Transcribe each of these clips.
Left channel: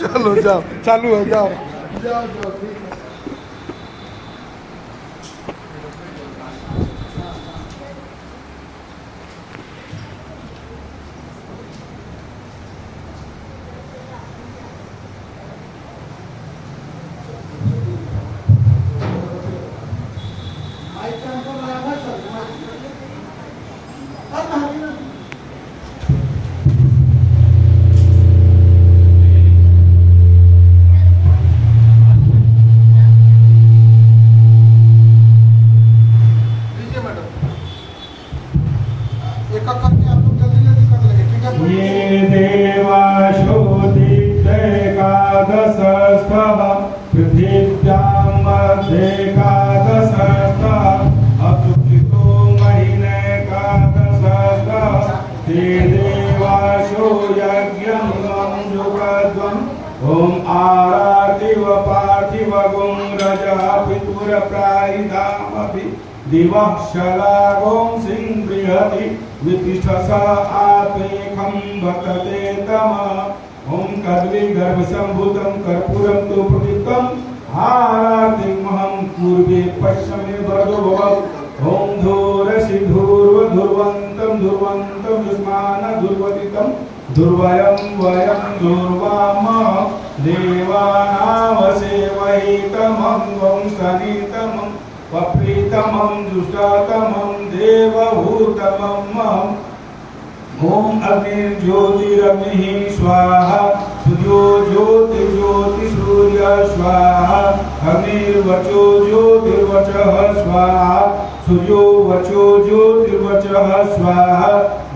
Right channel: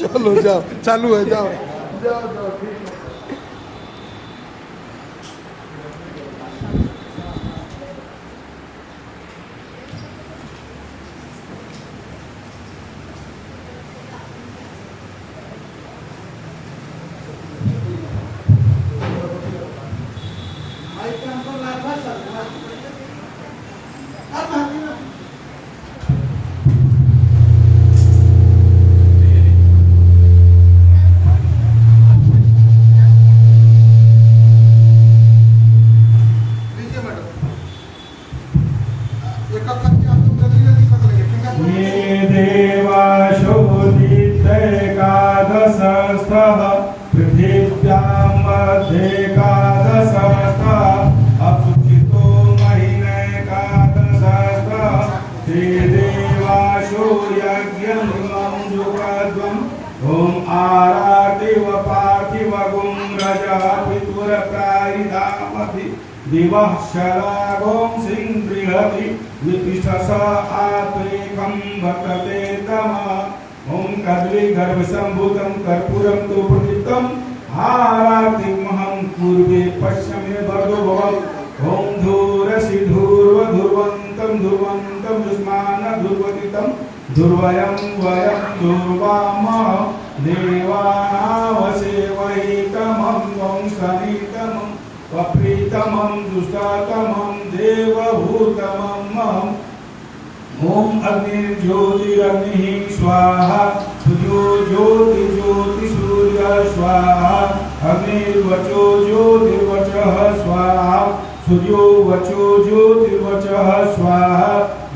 चलो जाओ, चालू है, जाओ जाओ जाओ, ठीक है। ये देवाशोदितैकादशस्थः पृथिव्यां मध्यैकादशस्थः अशुचितो महिनैकादशस्थः ते देवाशो यज्ञमुलं सुखद्वम् ॐ आरातिव पार्थिवगुं रजः पितुरप्रायिधामपि दिवः शलागों सिंह बृहति विपिष्ठस आत्रेखं भक्तते तमः ॐ कद्ली गर्भसम्भूतं कर्पूरं तु प्रदीप्तं आरातिमहं पूर्वे पश्चिमे वरदो भव ॐ धूरसि धूर्वधुर्वन्तं धुर्वन्तं युष्मान धुर्वतितं धुर्वयं वयं धुर्वामः देवानामसेवैतमं वंशनितमं वप्रीतमं दुष्टातमं देवभूतमं ॐ अग्निर्ज्योतिरग्निः स्वाहा सूर्यो ज्योति ज्योति सूर्य स्वाहा अग्निर्वचो ज्योतिर्वचः स्वाहा सूर्यो वचो ज्योतिर्वचः स्वाहा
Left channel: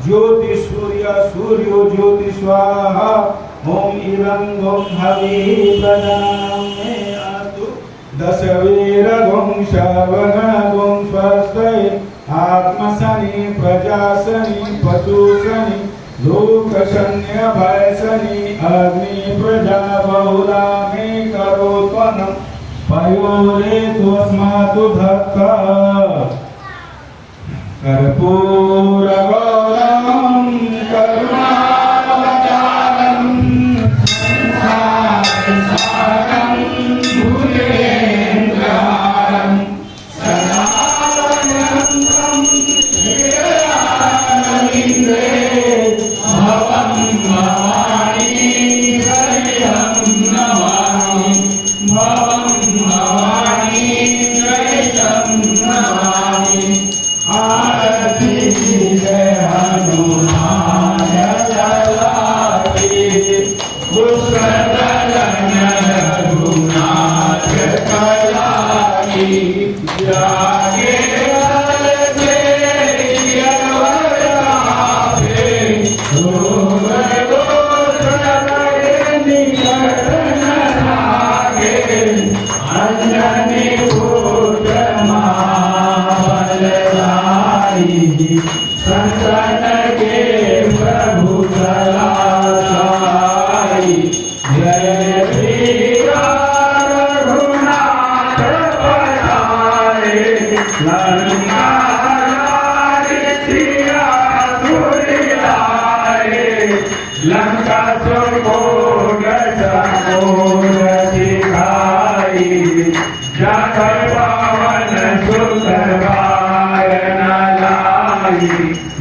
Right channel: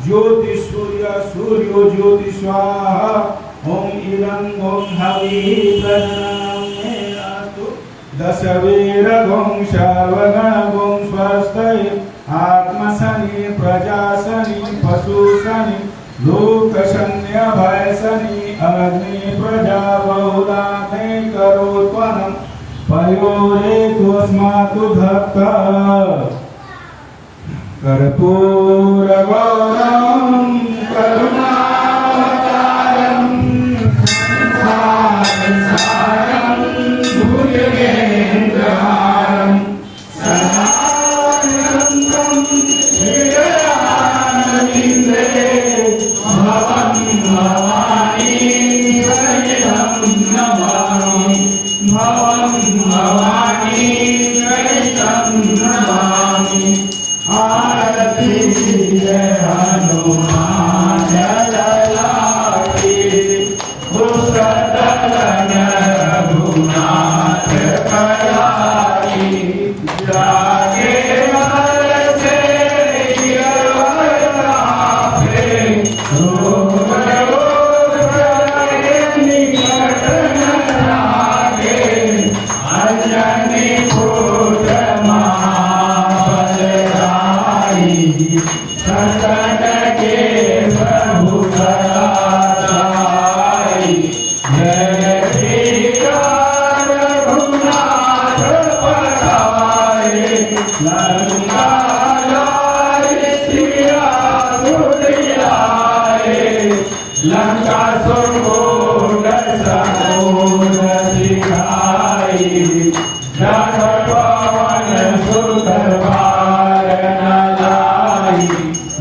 ज्योति सूर्य सूर्यो ज्योति स्वाहा ॐ इदं गं हविः प्रदामे अस्तु दशवीरगुं सर्वगणगुं स्वस्ति आत्मसनि प्रजासनि पशुसनि लोकशन्यभयसनि अग्नि प्रजा बहुला मे करोत्वनं पयोरेतुस्मातु धत्ता कर्पूरगौरवं करुणावतारं संसारसारं भुजगेन्द्रहारं सदानन्दं श्रीरामचन्द्रे भवं भवानी सहितं नमामि भवं भवानी सहितं नमामि आरती जय हनुमान जय दुष्टदलन रघुनाथ कलाकी जागे आरते यरवराते रोग रोग निकट न लागे अंजनी भूत महाबलशाली संकट के प्रभु कलाशाली जय श्री राम रघुनाथ पधारे लंका लाए सिया सुरियाए लंका सुरभोग सकोर सिखाई जाकर पवन सुत मारन लाई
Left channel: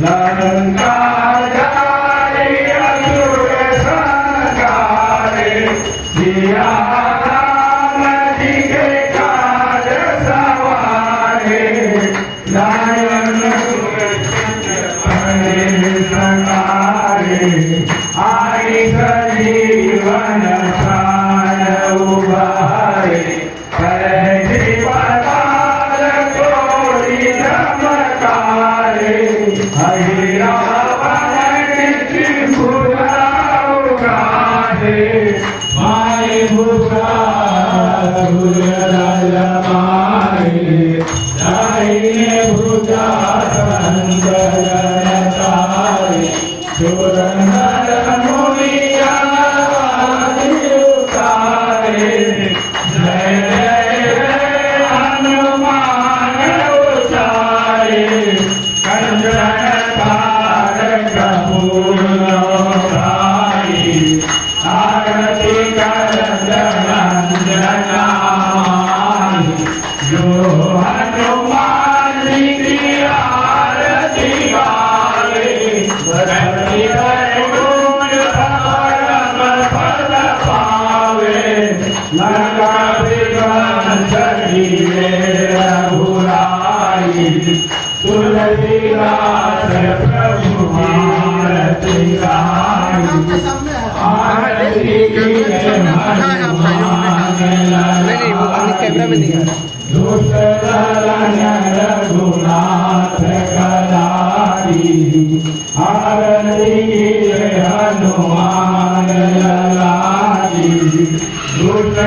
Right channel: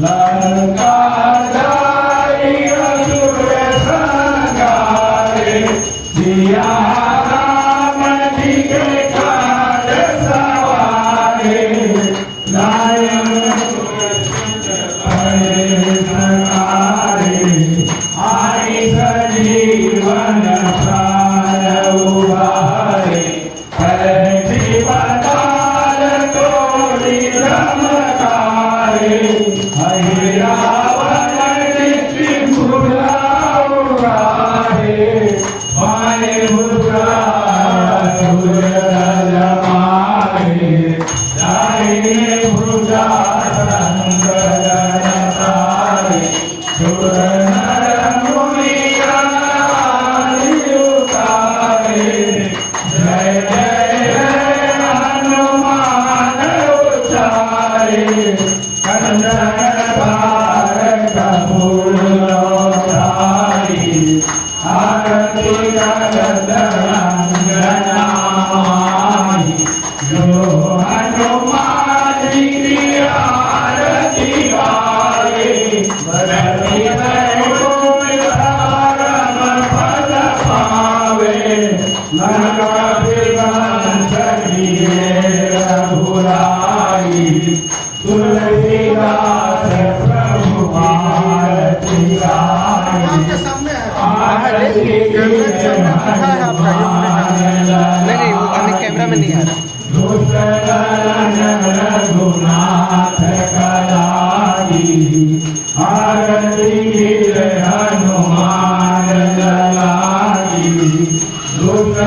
लंका जाई असुर संहारे सिया राम जी के काज सवारे लायन संहारे आई सजीवन प्राण उबारे जीवनकाल कोटि चमत्कारे हरि रावण त्रिपुरा उगारे माय मुद्रा सुरदल मारे दाहिने भुजा संगल तारे सुरनर मुनिया उतारे जय जय हनुमान उचारे कंचन तारक फूल भाई आरती का रंजनाई जो हनुमान की आरती गावे भक्ति वैकुंठ परम पद पावे नरक विघ्न चढ़िए रघुराई तुलसीदास प्रभु भारती गाई आरती नहीं वो अन्य कैमरा में नहीं आ रहा रघुनाथ कदाई आरती हनुमान ललाई दुष्ट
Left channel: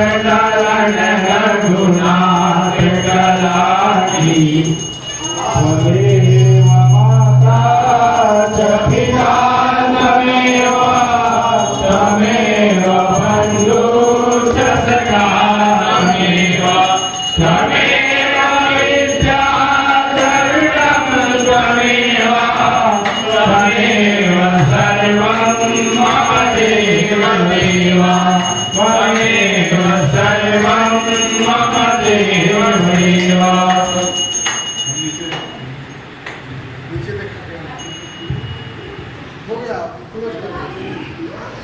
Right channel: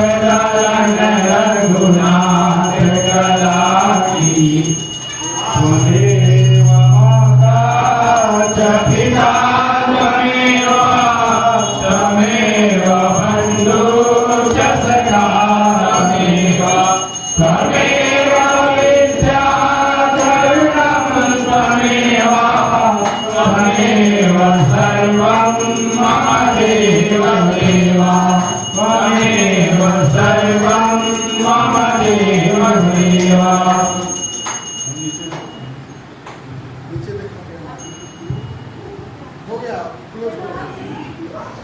रघुनाथ कदाई त्वमेव माता च पिता त्वमेव बन्धु च सखा त्वमेव विद्या चरणं त्वमेव सर्वं मम देवदेव त्वमेव सर्वं मम देवदेव नीचे देखो हो गया क्लोज कर